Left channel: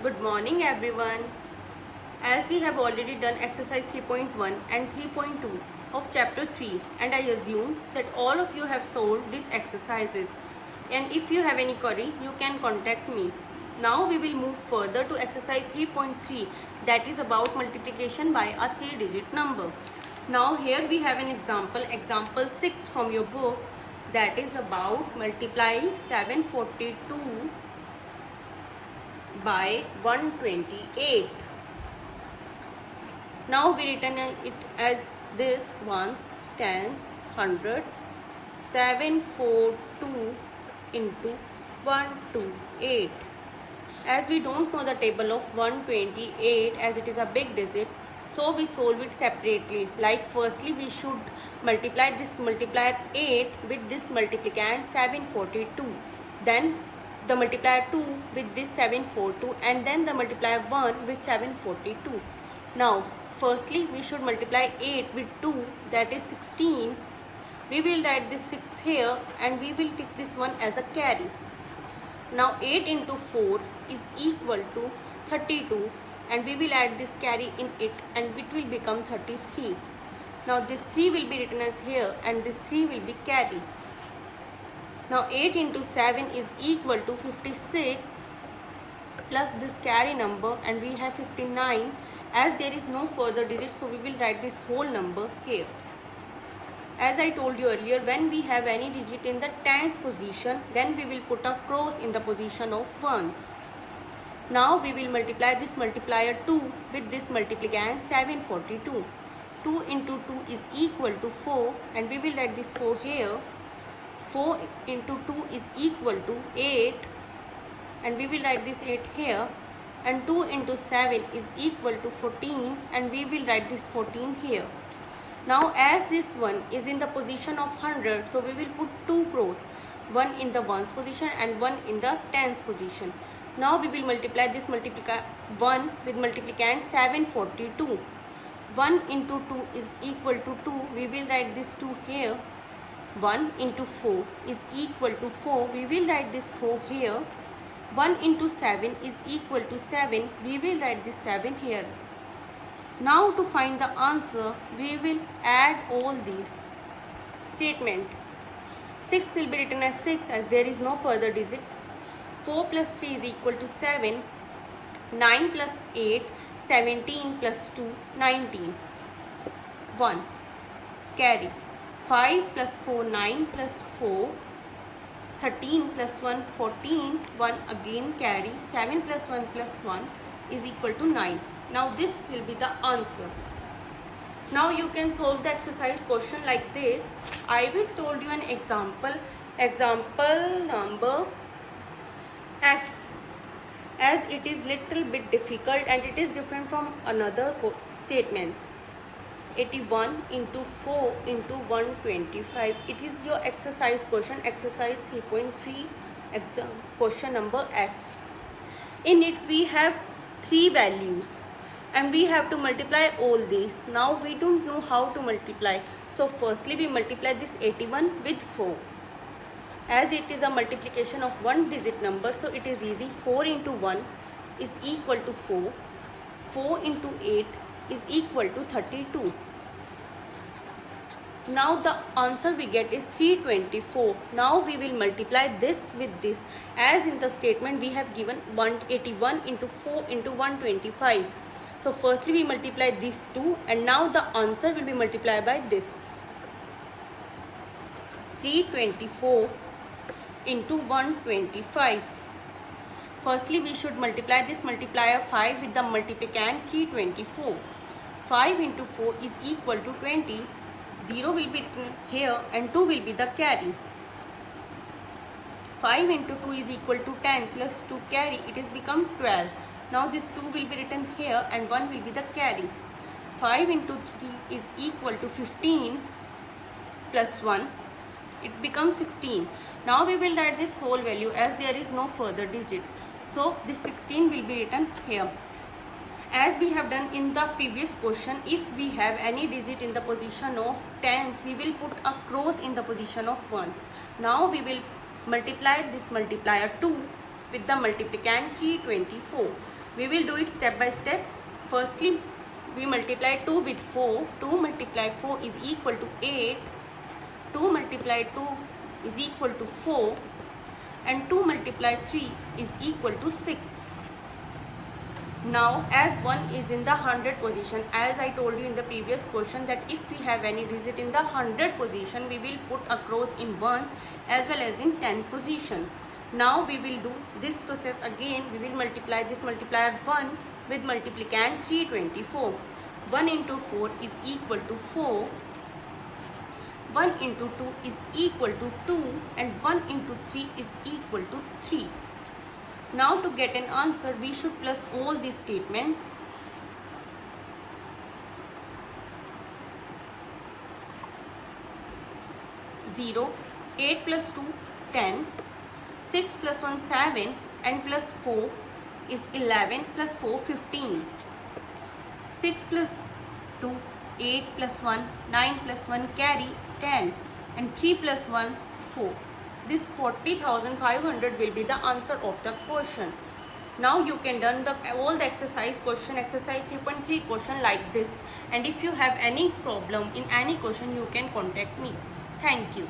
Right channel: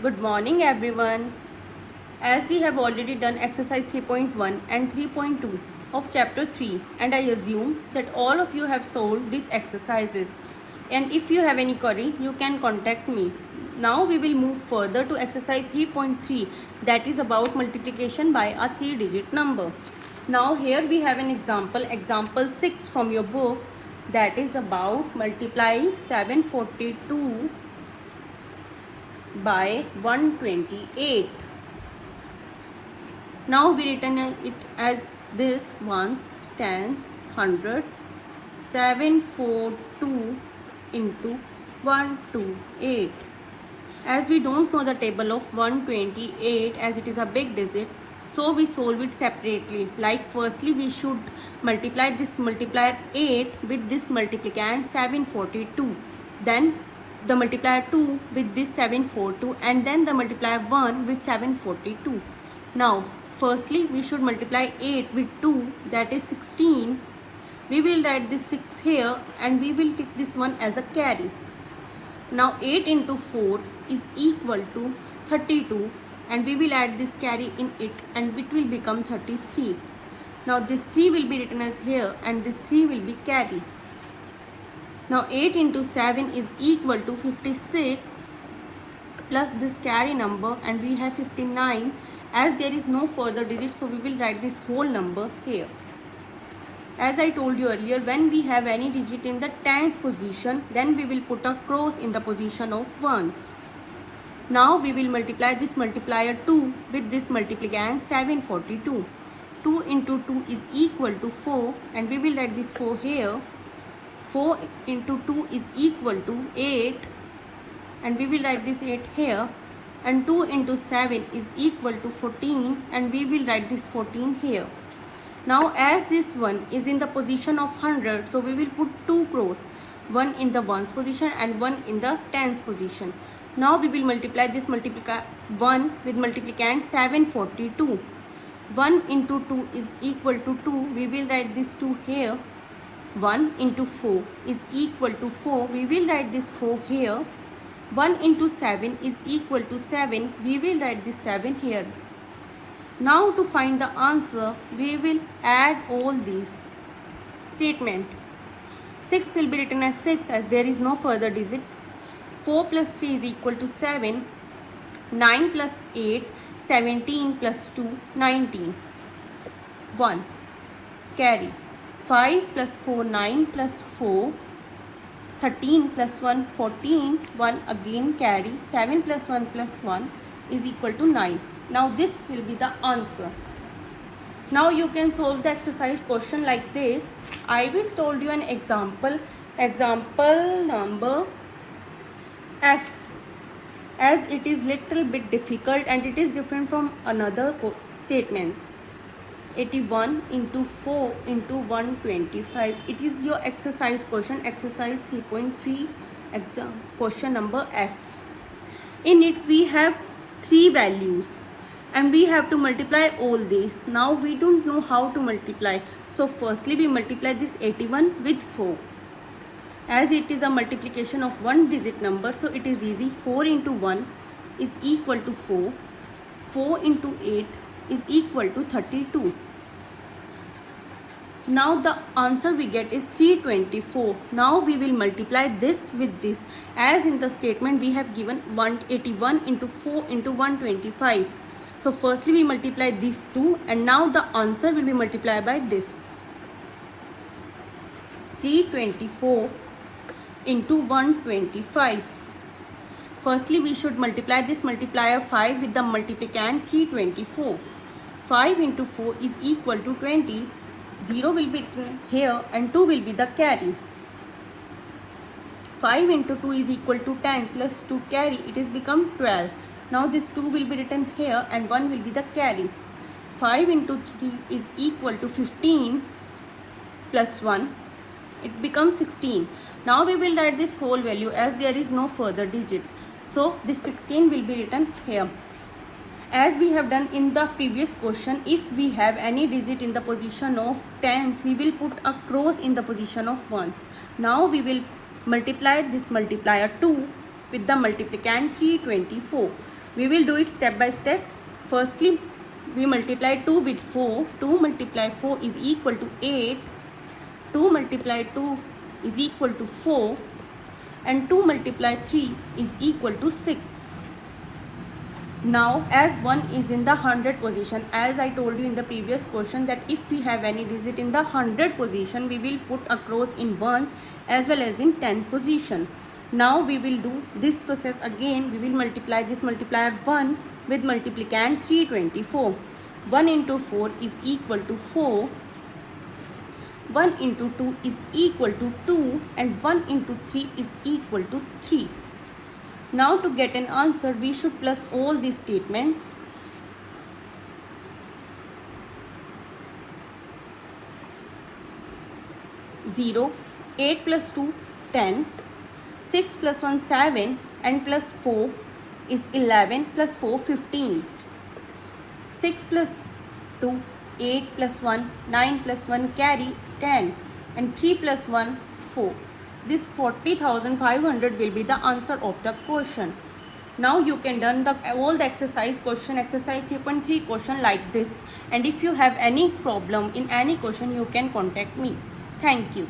Good morning everyone. As we have already done exercise 3.1 and 3.2 of chapter 3 and I assume that all of you have solved these exercises, and if you have any query you can contact me. Now we will move further to exercise 3.3, that is about multiplication by a 3-digit number. Now here we have an example 6 from your book, that is about multiplying 742 by 128. Now we written it as this: ones, tens, hundred, 742 into 128. As we don't know the table of 128 as it is a big digit, so we solve it separately. Like firstly we should multiply this multiplier 8 with this multiplicand 742, then the multiplier 2 with this 742, and then the multiplier 1 with 742. Now firstly we should multiply 8 with 2, that is 16. We will write this 6 here and we will take this one as a carry. Now 8 into 4 is equal to 32, and we will add this carry in it and it will become 33. Now this 3 will be written as here and this 3 will be carry. Now 8 into 7 is equal to 56 plus this carry number, and we have 59. As there is no further digit, so we will write this whole number here. As I told you earlier, when we have any digit in the tens position, then we will put a cross in the position of ones. Now we will multiply this multiplier 2 with this multiplicand 742. 2 into 2 is equal to 4, and we will write this 4 here. 4 into 2 is equal to 8, and we will write this 8 here, and 2 into 7 is equal to 14, and we will write this 14 here. Now as this one is in the position of 100, so we will put two cross, one in the ones position and one in the tens position. Now we will multiply this 1 with multiplicand 742. 1 into 2 is equal to 2, we will write this 2 here. 1 into 4 is equal to 4, we will write this 4 here. 1 into 7 is equal to 7, we will write this 7 here. Now to find the answer, we will add all these statement. 6 will be written as 6 as there is no further digit. 4 plus 3 is equal to 7. 9 plus 8, 17 plus 2, 19. 1. Carry. 5 plus 4, 9 plus 4, 13 plus 1, 14, 1 again carry, 7 plus 1 plus 1 is equal to 9. Now this will be the answer. Now you can solve the exercise question like this. I will told you an example number F, as it is little bit difficult and it is different from another statements. 81 into 4 into 125. It is your exercise question, exercise 3.3, question number F. In it we have 3 values and we have to multiply all these. Now we don't know how to multiply, so firstly we multiply this 81 with 4. As it is a multiplication of one digit number, so it is easy. 4 into 1 is equal to 4. 4 into 8 is equal to 32. Now the answer we get is 324. Now we will multiply this with this. As in the statement we have given 181 into 4 into 125. So firstly we multiply these two, and now the answer will be multiplied by this. 324 into 125. Firstly we should multiply this multiplier 5 with the multiplicand 324. 5 into 4 is equal to 20. 0 will be here and 2 will be the carry. 5 into 2 is equal to 10 plus 2 carry, it is become 12. Now this 2 will be written here and 1 will be the carry. 5 into 3 is equal to 15 plus 1, it becomes 16. Now we will write this whole value as there is no further digit. So this 16 will be written here. As we have done in the previous question, if we have any digit in the position of tens, we will put a cross in the position of ones. Now we will multiply this multiplier 2 with the multiplicand 324. We will do it step by step. Firstly, we multiply 2 with 4. 2 multiply 4 is equal to 8. 2 multiply 2 is equal to 4. And 2 multiply 3 is equal to 6. Now, as 1 is in the 100 position, as I told you in the previous question, that if we have any digit in the 100 position, we will put across in ones as well as in 10 position. Now we will do this process again. We will multiply this multiplier 1 with multiplicand 324. 1 into 4 is equal to 4. 1 into 2 is equal to 2, and 1 into 3 is equal to 3. Now to get an answer, we should plus all these statements. Zero, 8 plus 2, 10, 6 plus 1, 7, and plus 4 is 11, plus 4, 15. 6 plus 2, 8 plus 1, 9 plus 1 carry 10, and 3 plus 1, 4. This 40,500 will be the answer of the question. Now you can done all the exercise question, exercise 3.3 question like this. And if you have any problem in any question, you can contact me. Thank you.